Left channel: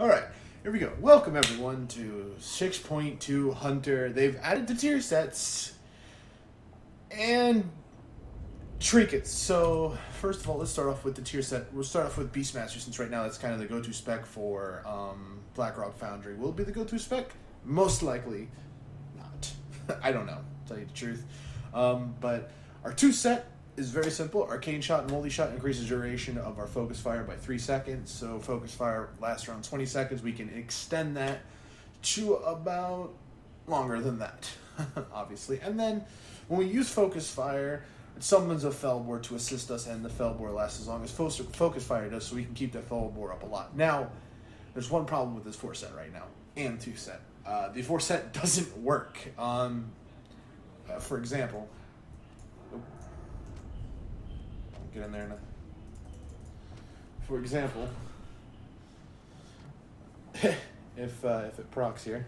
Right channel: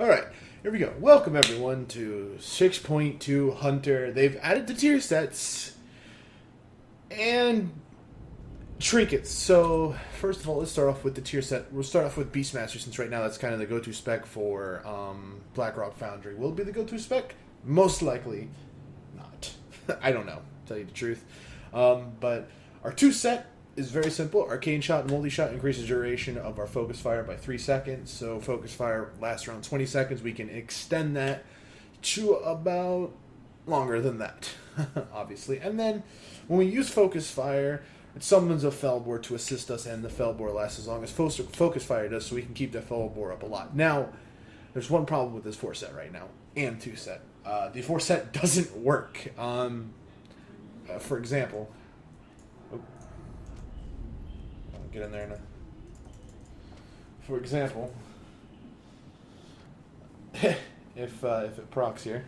Alright, here we go. Welcome everyone to 6.2 Hunter. They've added the tier sets and trinkets. So, first of all, let's start off with the tier set. We'll start off with Beastmaster, since right now that's kind of the go-to spec for Blackrock Foundry. Will it be the go-to spec? Most likely not. I don't know, to tell you the truth. But our 2 set is very simple. Arcane Shot and Moldy Shot increases duration of our focus fire by 3 seconds. So focus fire lasts around 20 seconds. We can extend that to about longer than that, obviously. And then when we use focus fire, it summons a Felboar to assist us, and the Felboar lasts as long as focus fire does, so we can keep that Felboar up a lot. Now, there's one problem with this 4 set right now, and 2 set. The 4 set doesn't work. For example, get in there now. For example, if it procs here,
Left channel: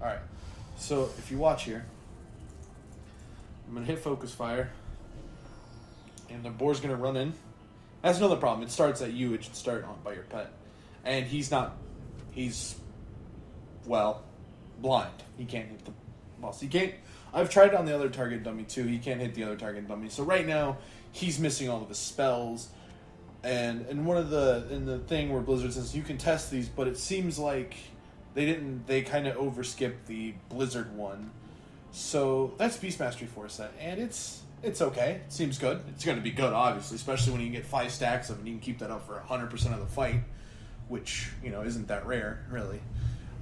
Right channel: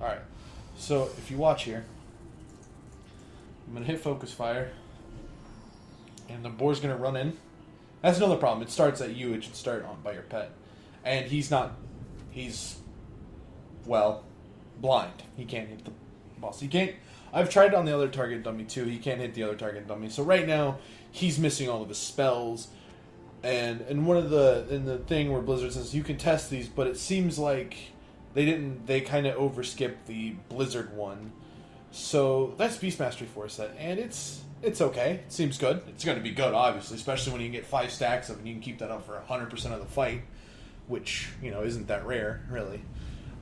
all right. So if you watch here, I'm gonna hit focus fire, and the boar's gonna run in. That's another problem. It starts at you. It should start on by your pet, and he's well, blind. He can't hit the boss. He can't. I've tried on the other target dummy too. He can't hit the other target dummy. So right now, he's missing all of his spells. And in the thing where Blizzard says you can test these, but it seems like they kind of overskipped the Blizzard one. So that's Beastmastery 4 set, and it's okay. It seems good. It's going to be good, obviously, especially when you can get 5 stacks of them. You can keep that up for 100% of the fight, which, isn't that rare, really.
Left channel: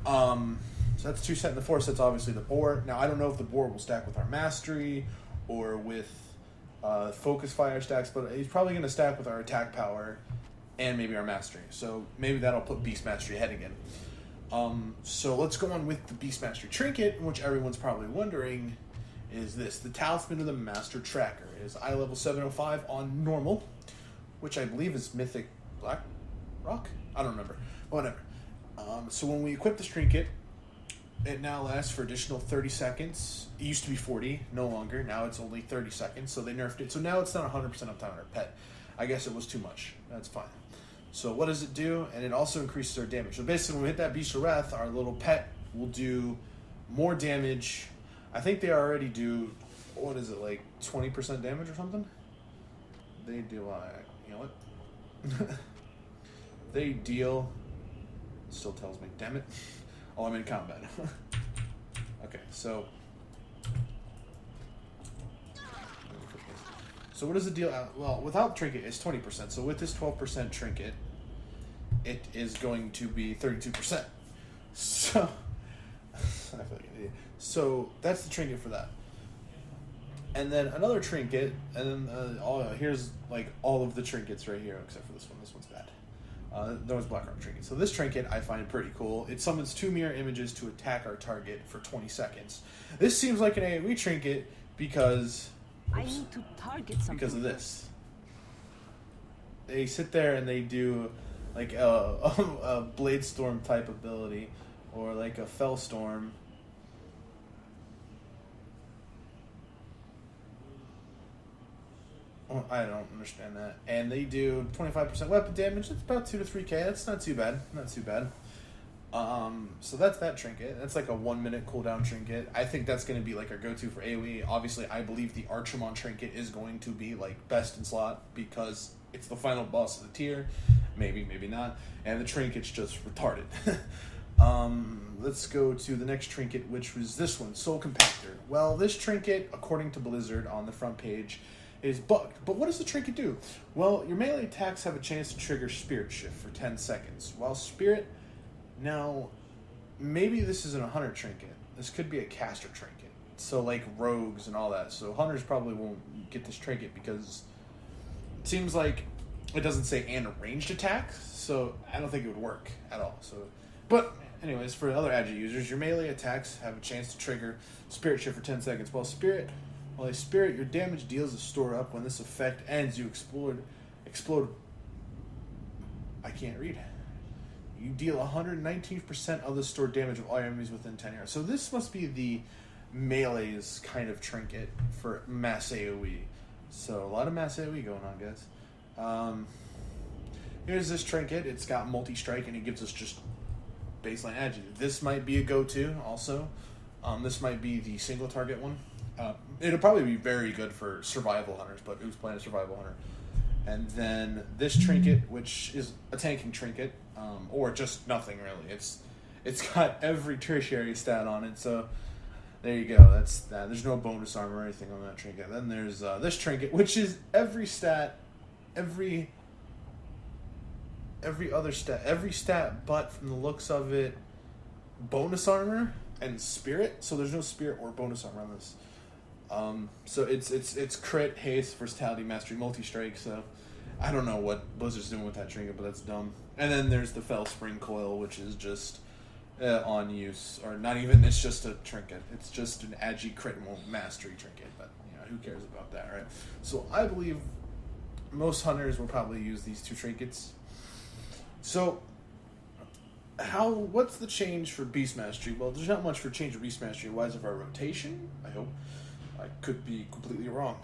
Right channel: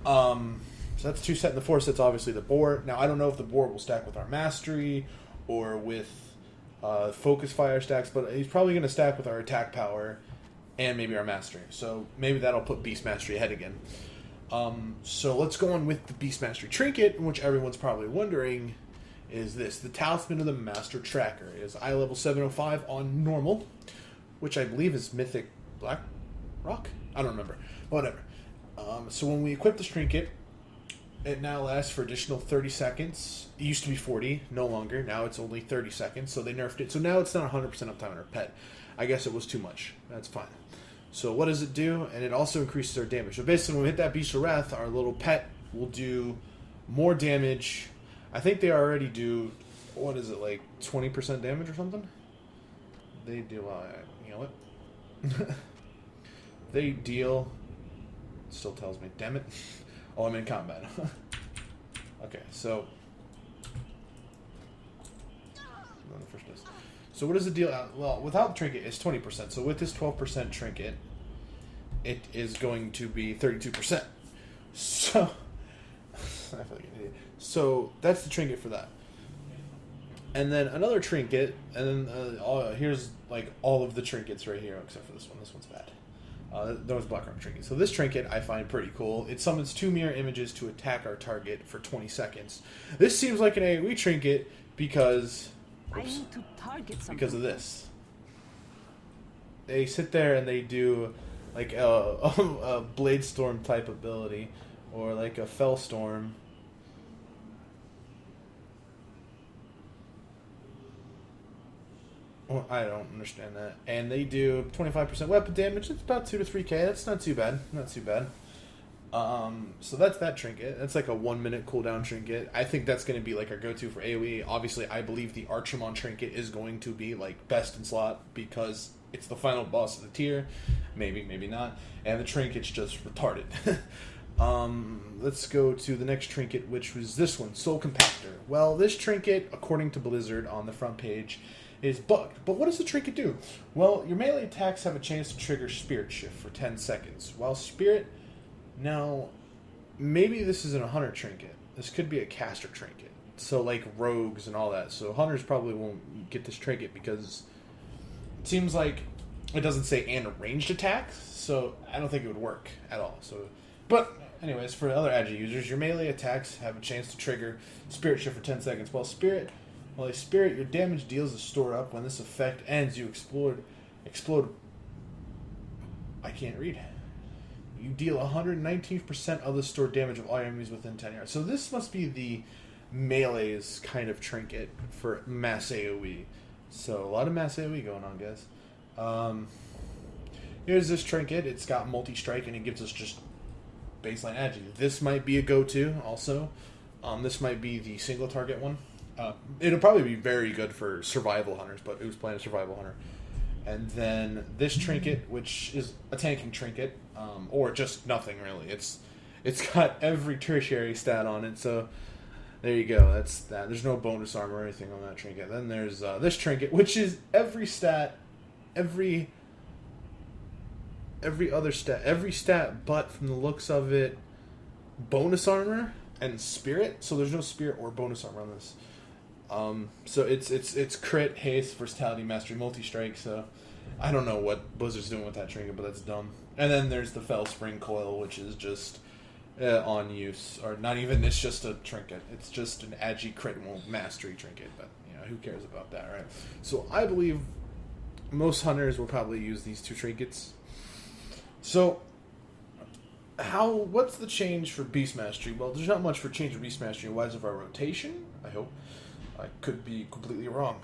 So that's 2 set, and the 4 set's obviously the boar. Now, I don't know if the boar will stack with our mastery or with focus fire stacks, but he's probably going to stack with our attack power and maybe our mastery. So maybe that'll put Beast Mastery ahead again. So let's go on with the Beast Mastery trinket, which everyone's probably wondering is this. The Talisman of the Master Tracker. It is eye level 705 on normal, which I believe is Mythic Black Rock? I don't remember. Whatever. So when we equip this trinket, it now lasts for additional 30 seconds. It used to be 40, no longer. Now it's only 30 seconds, so they nerfed it. So now it's not 100% uptime on our pet. I guess it was too much. That's fine. So what does it do? And it also increases our damage. So basically when we hit that Beast of Wrath, our little pet will do more damage. I think they already do, what is it, like 20% damage or something? They do, you know what? They deal, it still tells me, damn it. Oh, I'm in combat. Okay, so what is the deal? Well, without trinket, it's 20%. So with this 12% trinket, it is going to be 32%. So that's the trinket for that. And then another trinket, and then here's like all of the trinkets right here, except for this one. This one's bad. Those Blackrock trinkets. So this trinket I find pretty cool. It summons 2 mirror images to attack our target for 20 seconds. This seems like an AoE trinket because I need to target something because of this. They sit there and they do like a Blade Storm type ability, or like a Fell Storm. Well, I don't understand that. And they do 25% weapon damage. It's about 2 to 3k. That's not too bad. Not too bad. So that's that trinket. That's like a 1-minute cooldown trinket. I think that's going to be like our go-to for AoE. Obviously, I believe the Archermon trinket is going to be like best in slot because it's the final boss of the tier. Maybe, maybe not. And the trinket's just retarded. Let's go to the next trinket, which was this one, Soul Compactor. Well, this trinket, according to Blizzard on the front page, is bugged. But what does the trinket do? Well, your melee attacks have a chance to trigger Spirit Shift for 10 seconds. While Spirit... Now, maybe this isn't a Hunter trinket. This could be a caster trinket. So, like, rogues and all that. So, Hunters probably won't get this trinket because it seems like it doesn't say and ranged attacks. So, I don't think it would work at all. So, but, anyways, for other Agi users, your melee attacks have a chance to trigger Spirit Shift for 10 seconds. While a Spirit, your damage deals to store up. When this effect ends, you explode. I can't read. You deal 119% of the stored damage of all enemies within 10 yards. So this must be melee's kind of trinket for mass AoE. So a lot of mass AoE going on, guys. Here's this trinket. It's got multi-strike, and it gives us just baseline agi. This might be a go-to also. This might be the single target one. It'll probably be very good for survival hunters, but who's playing a survival hunter? And then this trinket, which is a tanking trinket, or just nothing really. It's got every tertiary stat on it, so there you go. That's that. There's no bonus armor or anything on that trinket. Then there's this trinket, which is every stat, every other stat, but from the looks of it, bonus armor and spirit. So there's no spirit or bonus armor on this. So it's crit, haste, versatility, mastery, multi-strike. So I don't know what Blizzard's doing with that trinket, but that's dumb. And then there's the Fell Spring Coil, which is just on use, or not even. It's just a trinket. It's just an agi crit mastery trinket. But who cares about that, right? So I believe most hunters will probably use these two trinkets. So what's the change for Beast Mastery? Well, there's not much for change for Beast Mastery wise of our rotation, I hope. I could be completely wrong.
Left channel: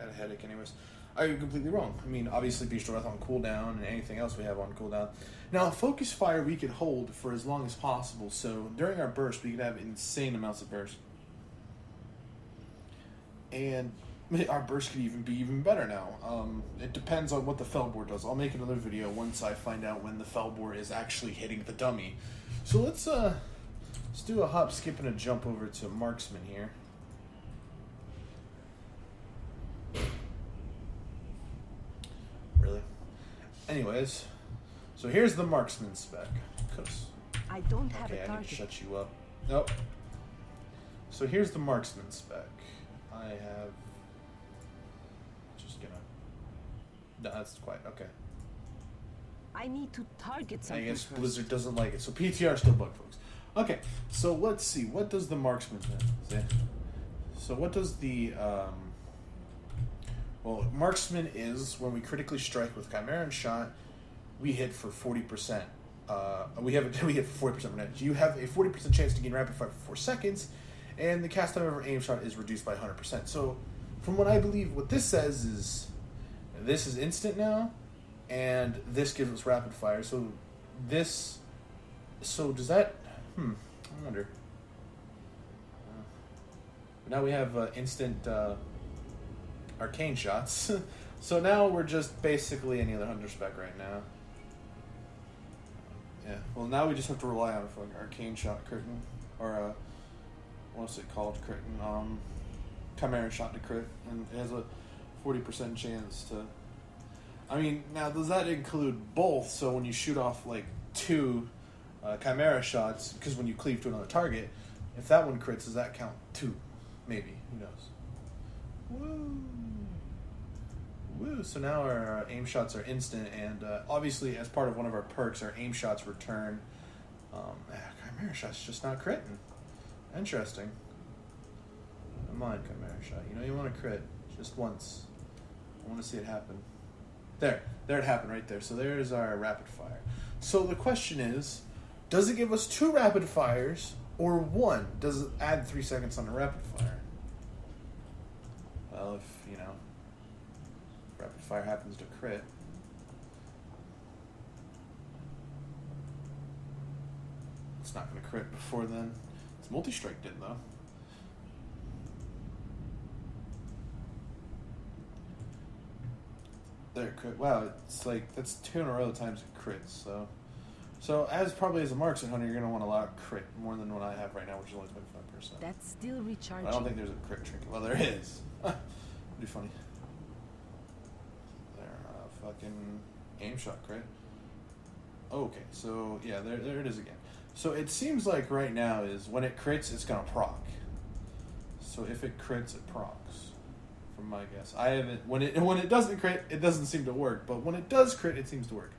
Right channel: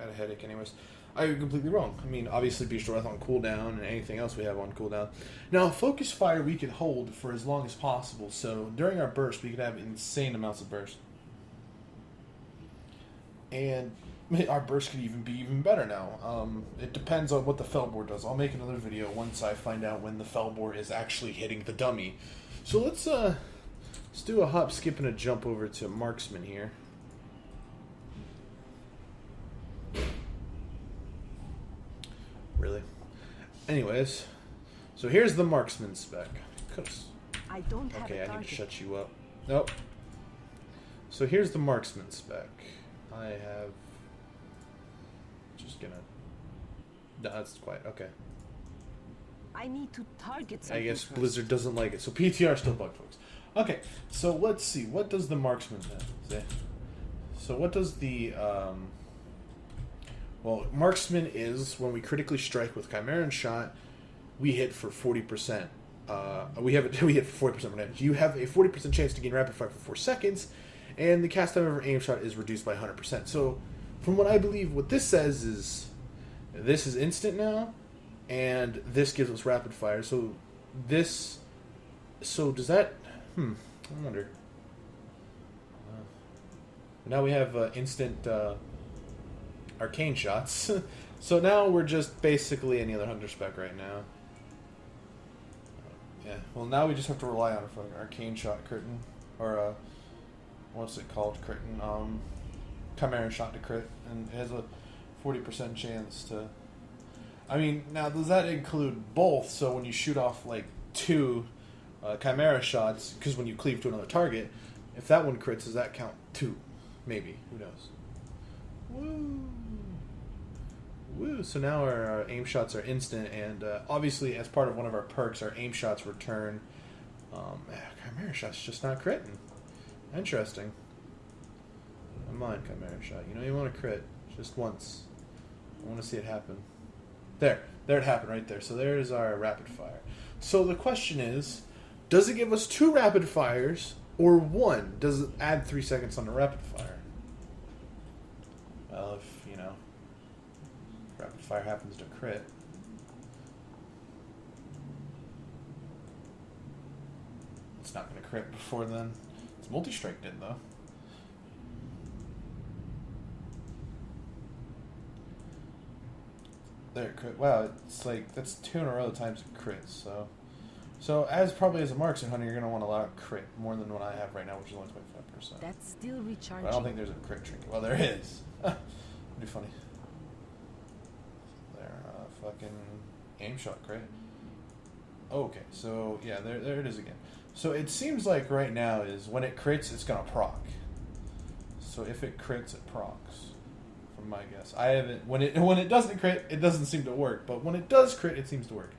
I had a headache anyways. I could be completely wrong. I mean, obviously Beast Wrath on cooldown and anything else we have on cooldown. Now, Focus Fire we could hold for as long as possible, so during our burst we could have insane amounts of burst. And our burst could be even better now. It depends on what the Felboard does. I'll make another video once I find out when the Felboard is actually hitting the dummy. So let's do a hop, skip, and a jump over to Marksman here. Really? Anyways, so here's the Marksman spec. I don't have a I target. need to shut you up. Nope. So here's the Marksman spec. I have... Just gonna... No, that's quite... Okay. I need to target I something guess first. Blizzard doesn't like it. So PTR still bugged, folks. Okay, so let's see. What does the Marksman say? So what does the... Well, Marksman is when we critically strike with Chimeran Shot, we hit for 40%. We hit for 40% damage. You have a 40% chance to gain rapid fire for 4 seconds, and the cast time of our aim shot is reduced by 100%. So, from what I believe, what this says is this is instant now, and this gives us rapid fire. So this, does that? I wonder. Now we have instant arcane shots. So now we're just basically any other hunter spec right now. Yeah. Well, now we just have to rely on an arcane shot curtain, or what's it called? Curtain. Chimera shot to crit, and it has a 40% chance to. I mean, now does that include both? So when you shoot off like 2 Chimera shots, because when you cleave to another target, if that one crits, does that count 2? Maybe. Who knows? Woo! So now our aim shots are instant, and obviously, as part of one of our perks, our aim shots return. Chimera shot's just not critting. Interesting. Come on, Chimera shot. You know you want to crit just once. I want to see it happen. There it happened right there. So there's our rapid fire. So the question is, does it give us 2 rapid fires or 1? Does it add 3 seconds on the rapid fire? Well, if rapid fire happens to crit. It's not going to crit before then. It's multi-strike did though. There it crit. Wow, it's like that's 2 in a row times it crits. So as probably as a marksman hunter, you're going to want to allow crit more than what I have right now, which is only 25%. That's still recharging. I don't think there's a crit trinket. Well, there is. That'd be funny. Fucking aim shot crit. Okay, so yeah, there it is again. So it seems like right now is when it crits, it's gonna proc. So if it crits, it procs. From my guess, I haven't. When it doesn't crit, it doesn't seem to work. But when it does crit, it seems to work.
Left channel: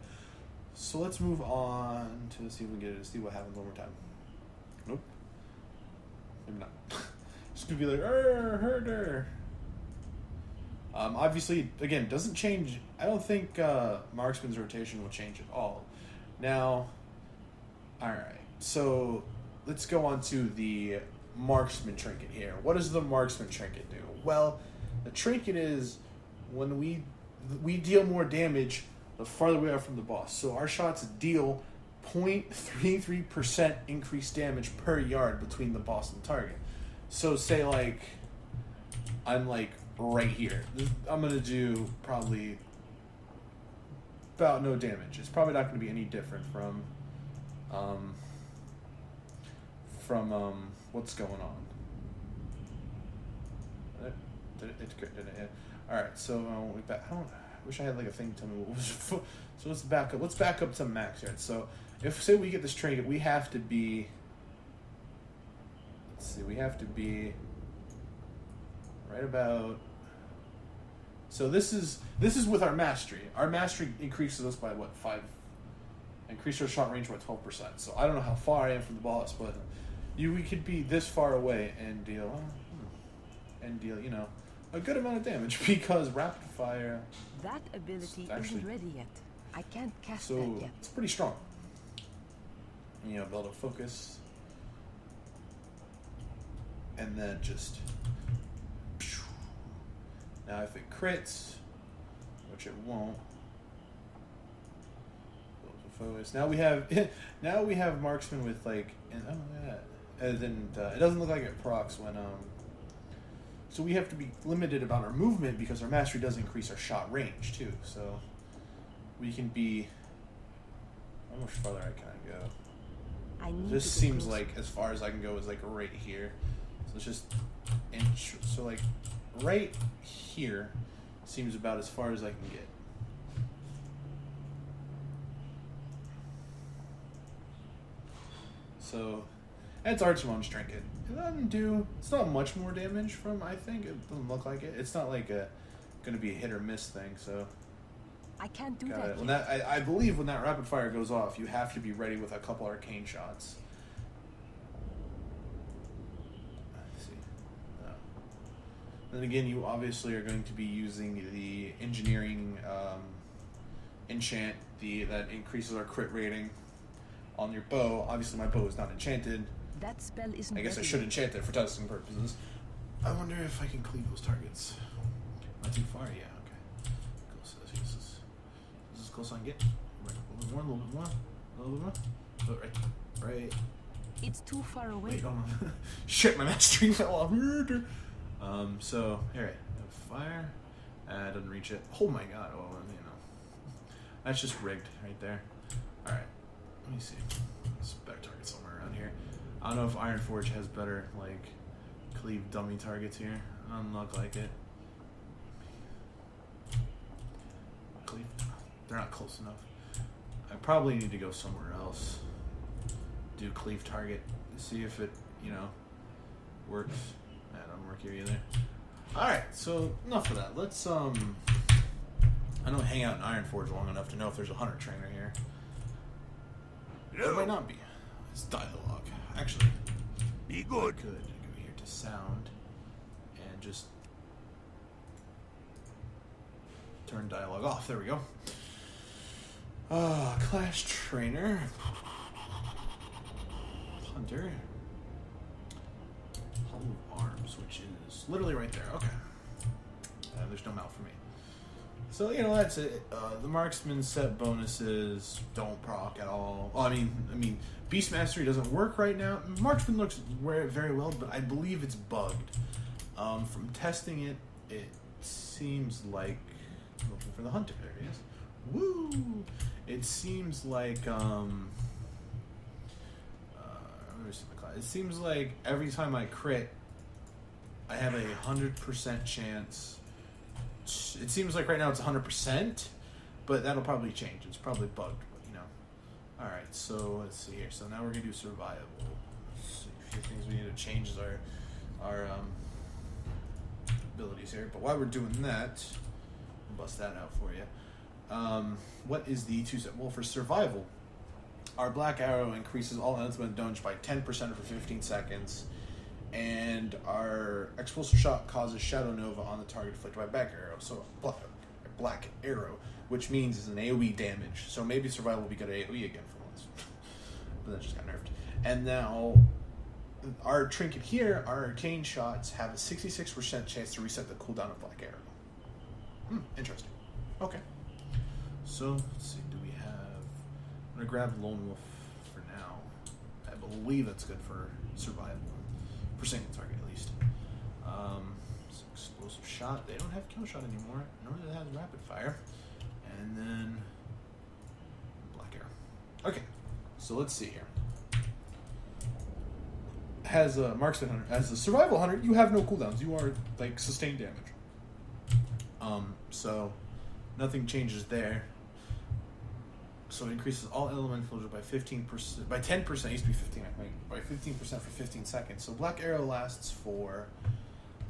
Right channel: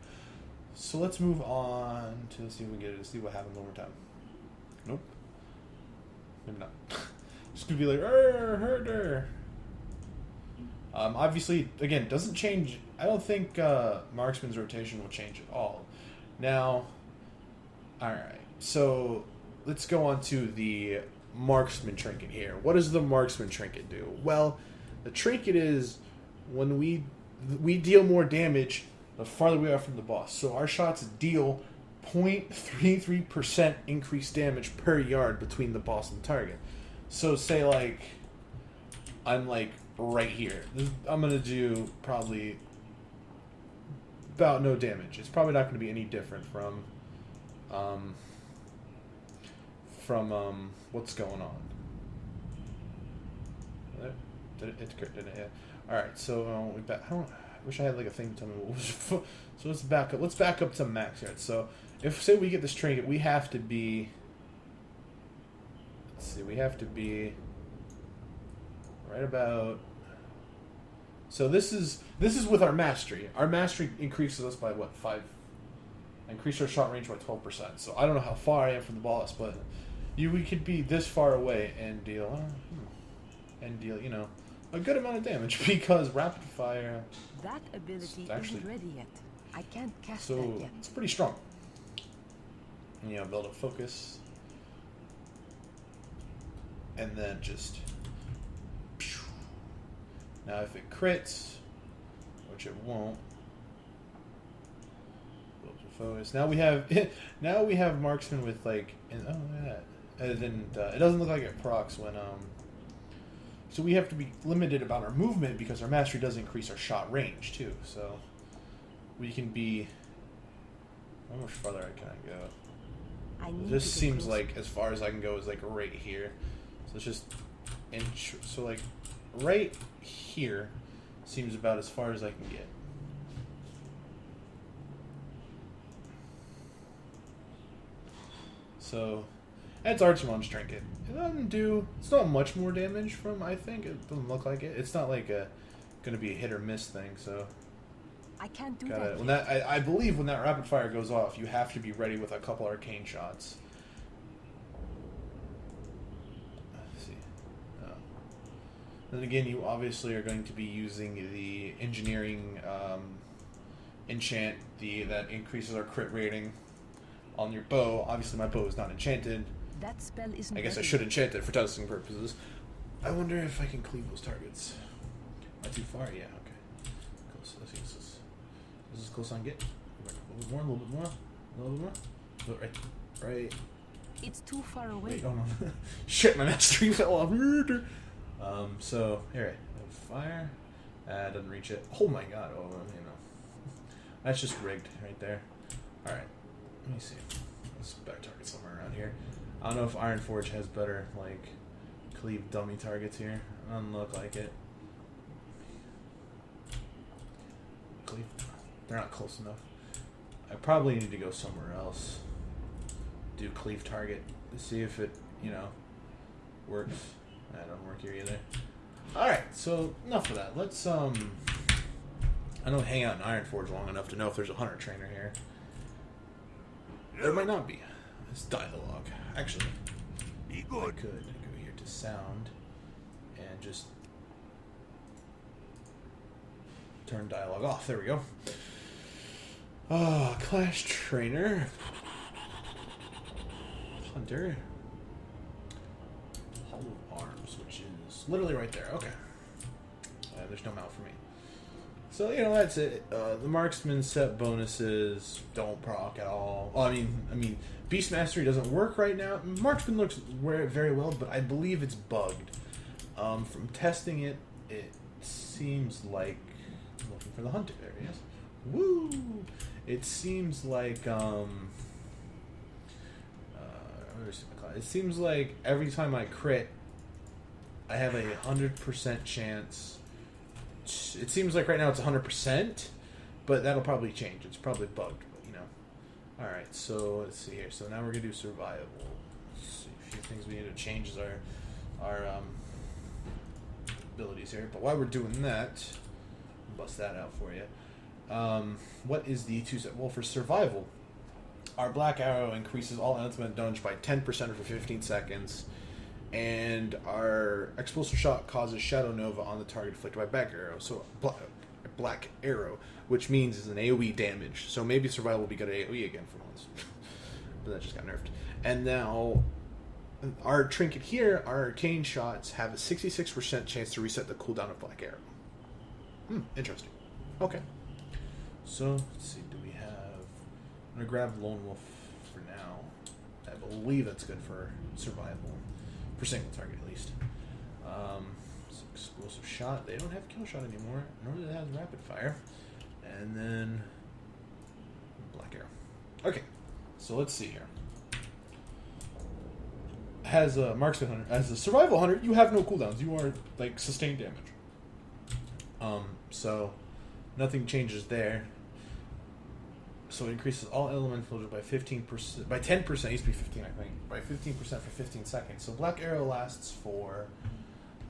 So let's move on to see if we can get it to see what happens one more time. Nope. Maybe not. Just gonna be like, herder. Obviously, again, doesn't change. I don't think Marksman's rotation will change at all. Now, alright, so let's go on to the Marksman trinket here. What does the Marksman trinket do? Well, the trinket is when we deal more damage the farther we are from the boss. So our shots deal 0.33% increased damage per yard between the boss and the target. So say like I'm like right here. I'm gonna do probably about no damage. It's probably not gonna be any different from what's going on. It's good. All right, so I wish I had like a thing to tell me what was. So let's back up. Let's back up to max here. So if say we get this trinket, we have to be. Let's see. We have to be right about. So this is with our mastery. Our mastery increases us by what 5. Increase our shot range by 12%. So I don't know how far I am from the boss, but we could be this far away and deal a good amount of damage because rapid fire. That ability actually, isn't ready yet. I can't cast so that yet. it's pretty strong. Build a focus, and then just. Now if it crits, which it won't. Focus. Now we have Marksman with like. It doesn't look like it procs when So we have to be limited about our movement because our mastery does increase our shot range too. So we can be. How much farther can I go? I need This to get seems closer. like as far as I can go is like right here. So it's just inch. So like right here seems about as far as I can get. So, and it's Archmon's trinket. It doesn't do. It's not much more damage from. I think it doesn't look like it. It's not like going to be a hit or miss thing. So. I can't do Got that it. When yet. I believe when that rapid fire goes off, you have to be ready with a couple arcane shots. Let's see. Then again, you obviously are going to be using the engineering enchant that increases our crit rating on your bow. Obviously, my bow is not enchanted. That spell isn't I guess I ready should yet. enchant it for testing purposes. I wonder if I can cleave those targets. Not too far? Yeah, okay. So let's use this. This is as close as I can get. A little bit more, a little bit more, a little bit more. Right. It's too far away. Wait, hold on. Shit, my mastery fell off. So, here, fire. Doesn't reach it. Oh my god, That's just rigged right there. Alright, let me see. Let's back target somewhere around here. I don't know if Iron Forge has better, like, cleave dummy targets here. Doesn't look like it. Cleave. They're not close enough. I probably need to go somewhere else. Do cleave target to see if it, works. That don't work here either. Alright, so enough of that. Let's, I don't hang out in Iron Forge long enough to know if there's a hunter trainer here. There might not be. It's dialogue. Actually, Be good. Good. Go here to sound and just turn dialogue off. There we go. Class trainer. Hunter. Hall of Arms, which is literally right there. Okay. There's no mount for me. So, that's it. The Marksman set bonuses don't proc at all. Well, I mean, Beast Mastery doesn't work right now. Marksman looks very well, but I believe it's bugged. From testing it, it seems like... Looking for the Hunter there, yes. Woo! It seems like, it seems like every time I crit, I have a 100% chance. It seems like right now it's 100%, but that'll probably change. It's probably bugged, but Alright, so let's see here. So now we're gonna do survival. Let's see a few things we need to change is our abilities here. But while we're doing that, I'll bust that out for you. What is the two-step? Well, for survival, our black arrow increases all ultimate damage by 10% for 15 seconds. And our explosive shot causes shadow nova on the target inflicted by black arrow. So black arrow, which means it's an AoE damage. So maybe survival will be good at AoE again for once. But that just got nerfed. And now our trinket here, our arcane shots have a 66% chance to reset the cooldown of Black Arrow. Interesting. Okay. So, let's see, do we have... I'm going to grab Lone Wolf for now. I believe it's good for survival. For single target, at least. Explosive shot. They don't have kill shot anymore. Nor do they have rapid fire. And then... Black Arrow. Okay. So, let's see here. As a Marksman Hunter, as a Survival Hunter, you have no cooldowns. You are, like, sustained damage. So, nothing changes there. So it increases all elemental by 15%, by 10%, it used to be 15, I think, by 15% for 15 seconds. So Black Arrow lasts for,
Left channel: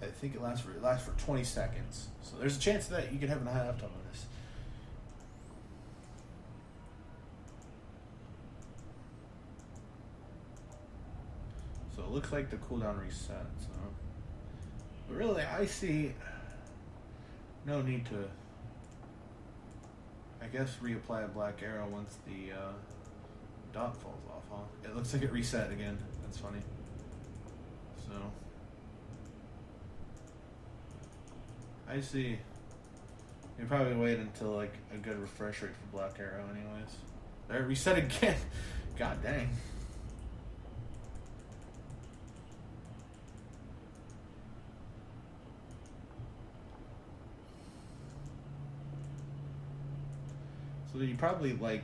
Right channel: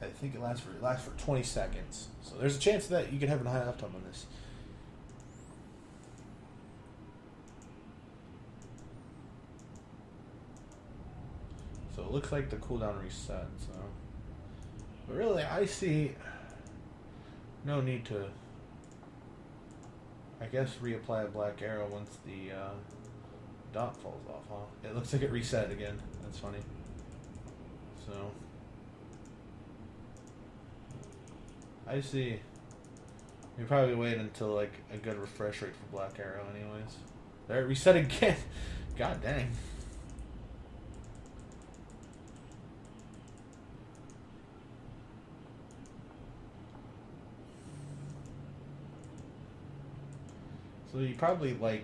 I think it lasts for 20 seconds. So there's a chance that you can have a high uptime on this. So it looks like the cooldown reset, so. But really, I see no need to, I guess, reapply a Black Arrow once the dot falls off, huh? It looks like it reset again. That's funny. So, I see. You probably wait until, like, a good refresh rate for Black Arrow anyways. There, it reset again. God dang. So you probably like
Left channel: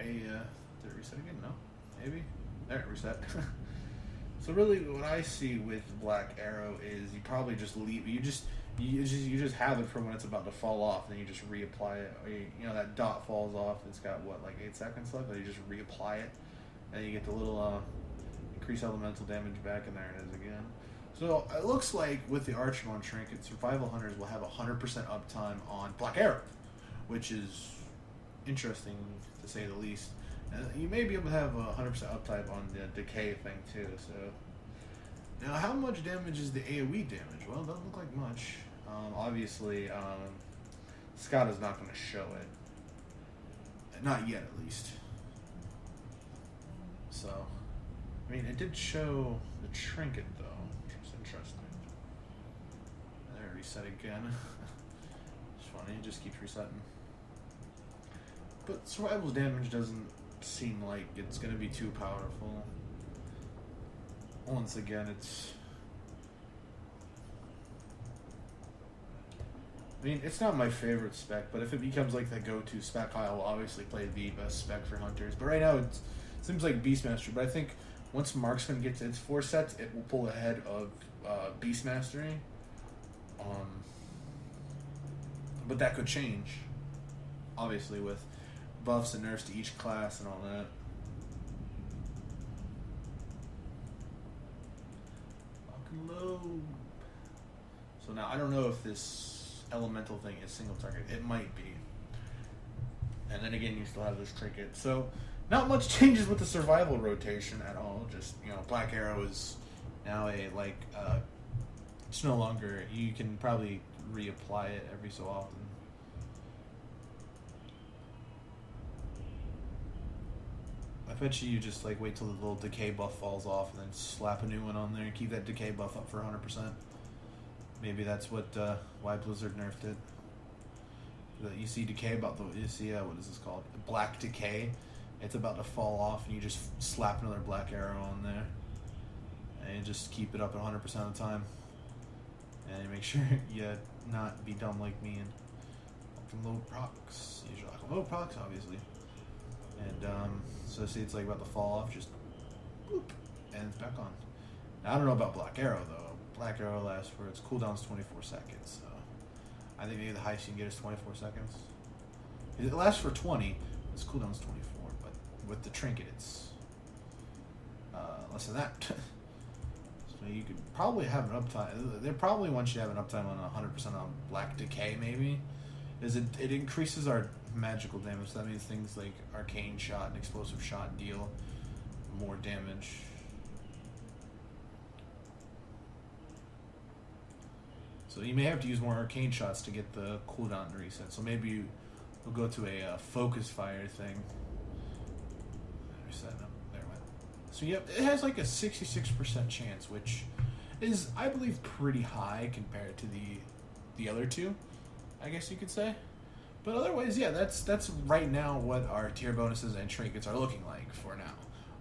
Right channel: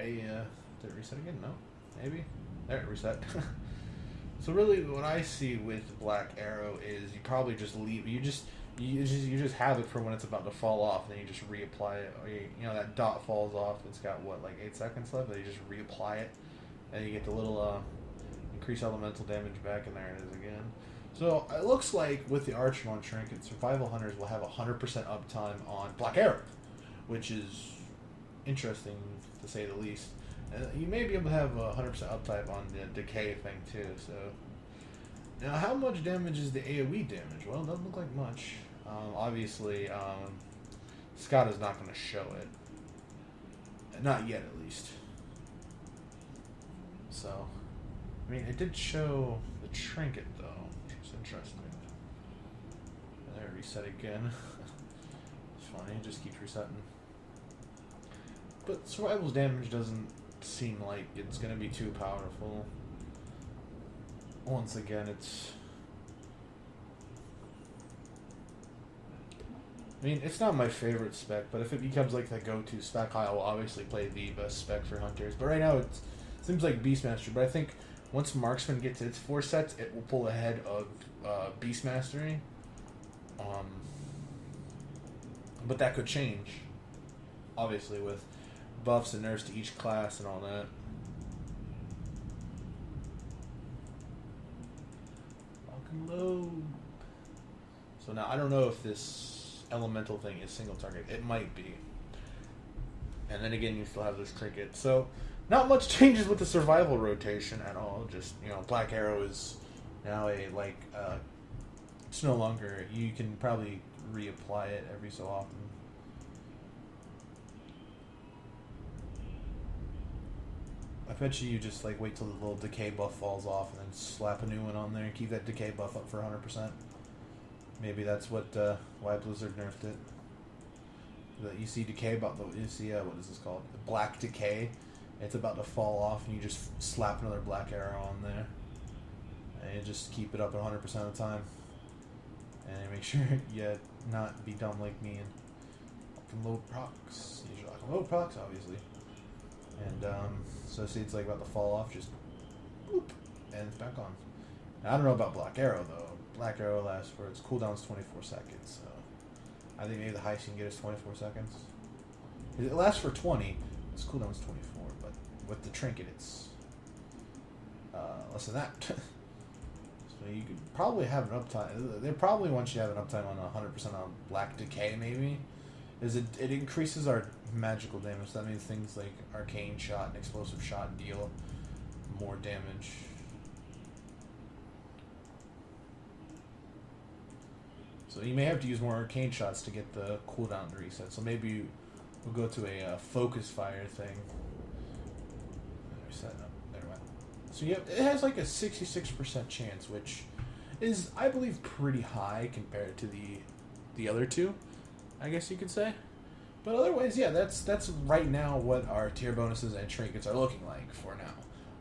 a, did it reset again? No, maybe? There, it reset. So really what I see with Black Arrow is you probably just leave, you just have it for when it's about to fall off, and you just reapply it. Or you know, that dot falls off, it's got what, like 8 seconds left, and you just reapply it, and you get the little increased elemental damage back, and there it is again. So it looks like with the Archmon Trinket, Survival Hunters will have 100% uptime on Black Arrow, which is interesting to say the least. You may be able to have 100% uptime on the decay thing too. So, now how much damage is the AoE damage? Well, it doesn't look like much. Obviously, Scott is not going to show it. Not yet, at least. So, I mean, it did show the trinket though, which was interesting. There, reset again. It's funny, it just keeps resetting. But survival's damage doesn't seem like it's going to be too powerful. Once again, it's... I mean, it's not my favorite spec, but if it becomes like the go-to spec, I will obviously play the best spec for Hunters. But right now, it seems like Beastmaster. But I think once Marksman gets its 4 sets, it will pull ahead of Beastmastery. But that could change, obviously, with buffs and nerfs to each class and all that. Low. So now I don't know if this elemental thing is single target. It might be. And then again, you still have this trinket. So not much changes with the survival rotation at all. Just, you know, Black Arrow is now a, like, it's no longer, you can probably reapply it every so often. I bet you just like wait till the little decay buff falls off and then slap a new one on there and keep that decay buff up for 100%. Maybe that's what why Blizzard nerfed it. You see decay about the, you see what is this called? Black decay. It's about to fall off and you just slap another Black Arrow on there and you just keep it up at 100% of the time. And you make sure you not be dumb like me and low procs. You should like low procs, obviously. And so see, it's like about to fall off, just boop, and it's back on. Now, I don't know about Black Arrow though. Black Arrow lasts for its cooldown's 24 seconds. So I think maybe the highest you can get is 24 seconds. It lasts for 20. Its cooldown's 24, but with the trinket, it's less than that. So you could probably have an uptime. They probably want you to have an uptime on 100% on Black Decay, maybe. Is it increases our magical damage. That means things like Arcane Shot and Explosive Shot deal more damage. So you may have to use more Arcane Shots to get the cooldown to reset. So maybe we'll go to a Focus Fire thing. Reset up. There we go. So yeah, it has like a 66% chance, which is, I believe, pretty high compared to the other two, I guess you could say. But otherwise, yeah, that's right now what our tier bonuses and trinkets are looking like for now.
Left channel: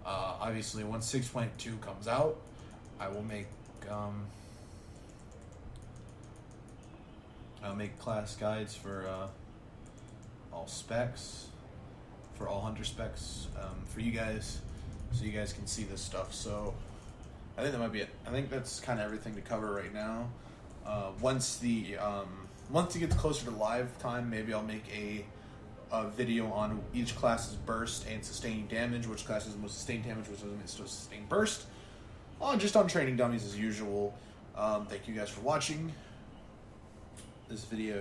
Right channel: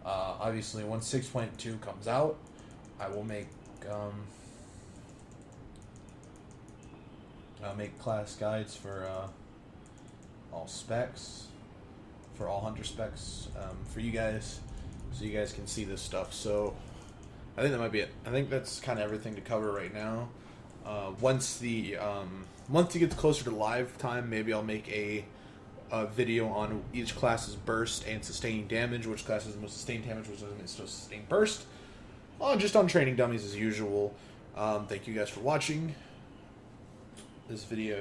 Obviously, once 6.2 comes out, I will make I'll make class guides for all specs, for all hunter specs, for you guys, so you guys can see this stuff. So I think that might be it. I think that's kind of everything to cover right now. Once it gets closer to live time, maybe I'll make a video on each class's burst and sustaining damage, which class has the most sustained damage, which doesn't get sustained burst. Just on training dummies as usual. Thank you guys for watching this video.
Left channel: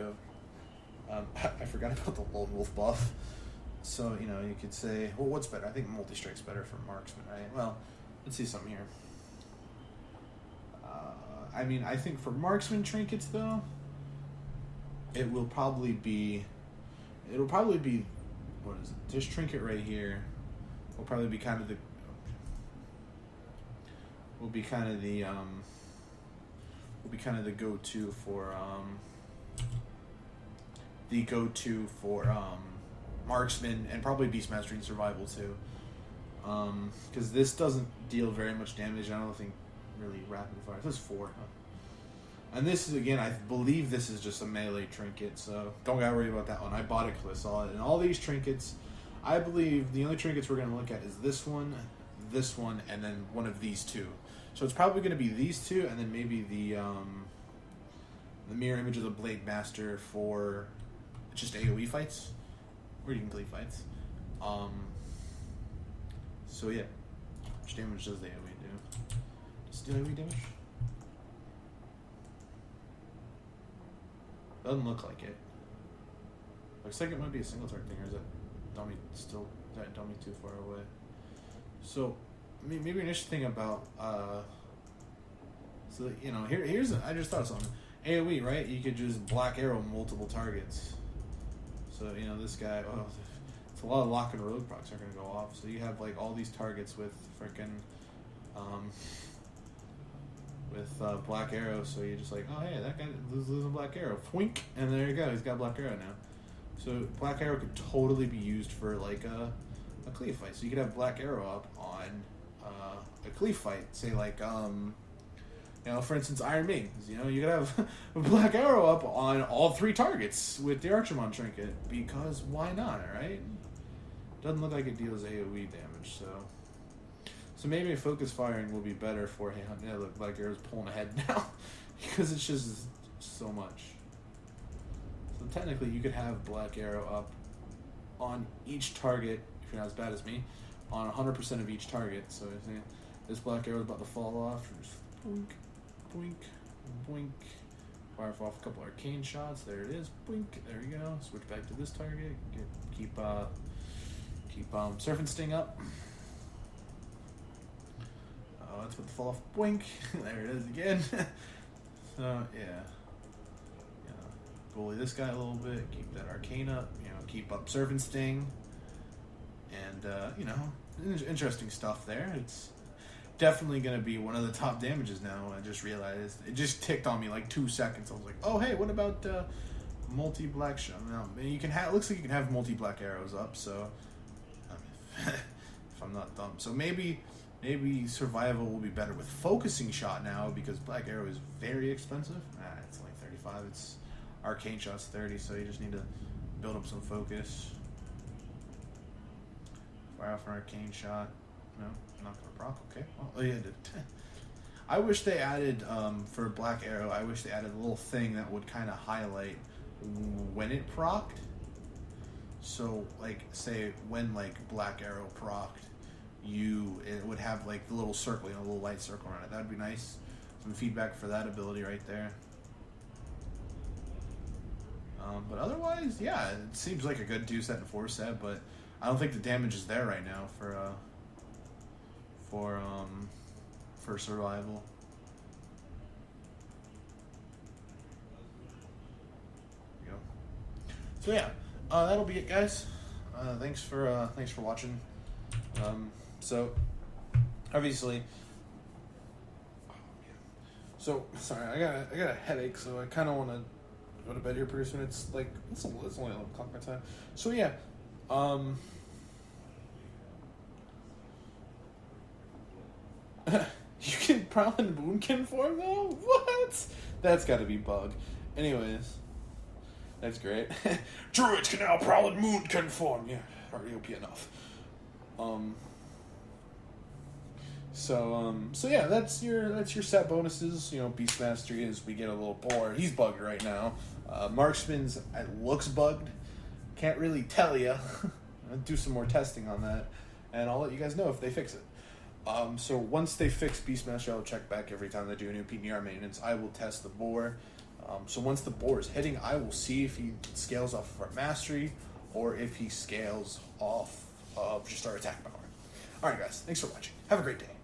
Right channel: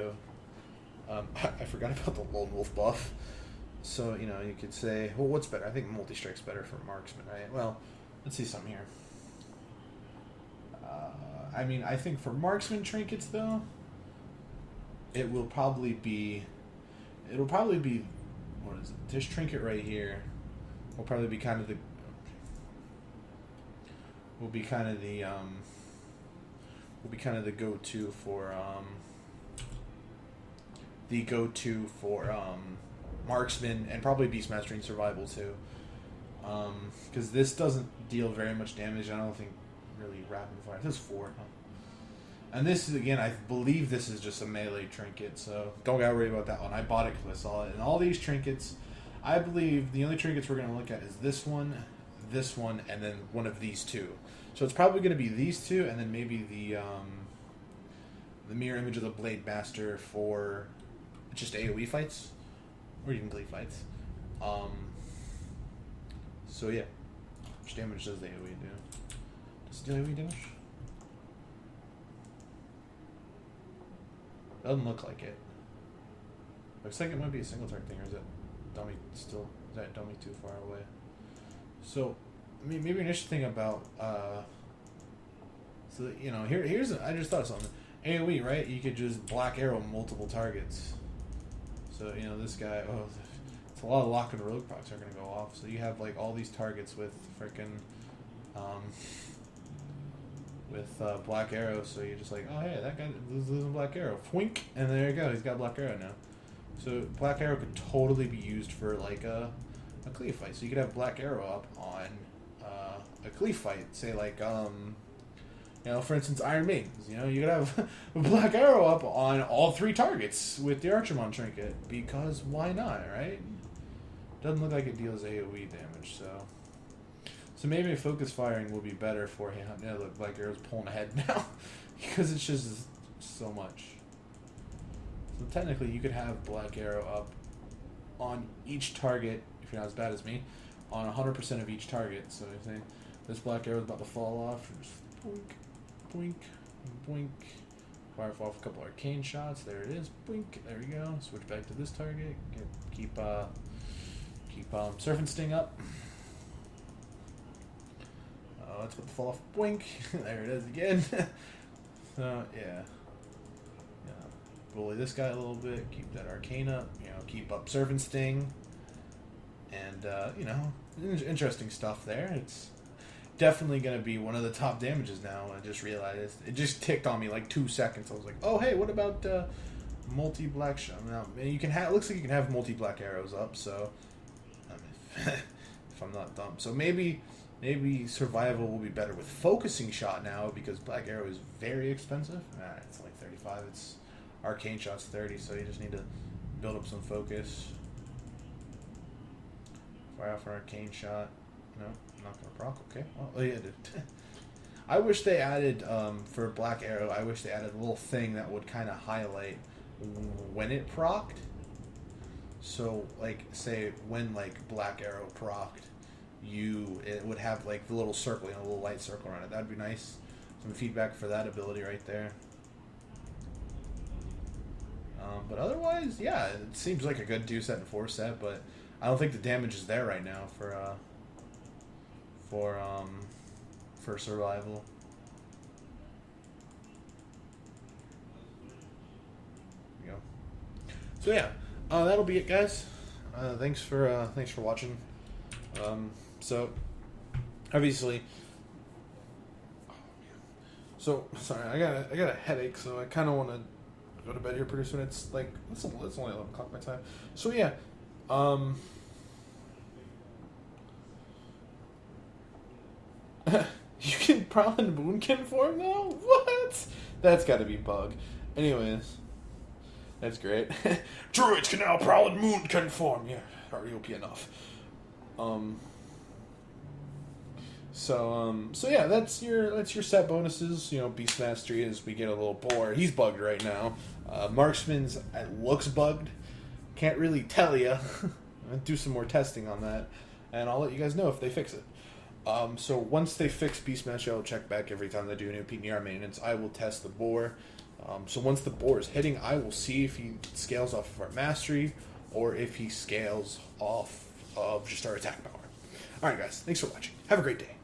I forgot about the lone wolf buff. So, you know, you could say, well, what's better? I think multi-strike's better for Marksman, right? Well, let's see something here. I mean, I think for Marksman trinkets, though, it will probably be, what is it? This trinket right here will probably be kind of the, go-to for, Marksman, and probably Beastmaster Survival too. Because this doesn't deal very much damage. I don't think really rapid fire. This is 4. And this is, again, I believe this is just a melee trinket, so don't gotta worry about that one. I bought it because I saw it. And all these trinkets, I believe the only trinkets we're gonna look at is this one, and then one of these two. So it's probably gonna be these two, and then maybe the mirror image of the Blade Master for just AoE fights, or even glaive fights. So yeah, how much damage does the AoE do? Does the AoE damage? Doesn't look like it. Looks like it might be a single target thing, or is that dummy still? Is that dummy too far away? So, I mean, maybe an interesting thing about so that, you know, here's I just thought of something. AoE, right? You could just black arrow multiple targets. So, you know, this guy, it's a lot of lock and rogue procs are gonna go off. So you have like all these targets with frickin' black arrow. So you're just like, oh hey, that guy loses a black arrow, twink, and there you go, he's got black arrow now. So black arrow could totally be used for like a cleave fight. So you could have black arrow up on a cleave fight, say like you know, for instance, Iron Maidens. You know, you could have black arrow up on all 3 targets with the Archermon trinket, because why not, right? Doesn't look like it deals AoE damage, so maybe focus firing will be better for him. Yeah, look, black arrow's pulling ahead now because it's just so much. So technically, you could have black arrow up on each target, if you're not as bad as me, on 100% of each target. So if this black arrow is about to fall off, just boink, boink, boink. Fire off a couple arcane shots. There it is. Boink. There we go. Switch back to this target. Keep Surf and Sting up. That's what the fall off. Boink. There it is again. So yeah. Bully this guy a little bit. Keep that arcane up. You know, keep up Surf and Sting. And you know, interesting stuff there. It's definitely going to be one of the top damages now. I just realized. It just ticked on me like 2 seconds. I was like, oh, hey, what about multi-black shot? Now, you can have, looks like you can have multi-black arrows up, so if I'm not dumb. So maybe survival will be better with focusing shot now, because black arrow is very expensive. It's like 35. It's arcane shot's 30, so you just need to build up some focus. Fire off an arcane shot. No, not for proc. Okay. Well, yeah, I wish they added for black arrow. I wish they added a little thing that would kind of highlight when it procced. So, like, say when like black arrow procced, it would have like the little circle, you know, a little light circle around it. That'd be nice. Some feedback for that ability right there. But otherwise, yeah, it seems like a good 2-set and 4-set, but I don't think the damage is there right now for survival. There we go. So yeah, that'll be it, guys. Thanks for watching. So obviously. So sorry, I got a headache, so I kind of want to go to bed here pretty soon. It's like it's only 11 o'clock my time. So yeah, you can Prowling Moonkin form now? What? That's got to be bug. Anyways, that's great. Druids can now Prowling Moonkin form. Yeah, already OP enough. So yeah, that's your set bonuses. You know, Beast Mastery is we get a little bored. He's bugged right now. Marksman's looks bugged. Can't really tell you. I'll do some more testing on that, and I'll let you guys know if they fix it. So once they fix Beast Mastery, I'll check back every time they do a new PNR maintenance. I will test the boar. So once the boar is hitting, I will see if he scales off of our mastery or if he scales off of just our attack power. Alright guys, thanks for watching. Have a great day.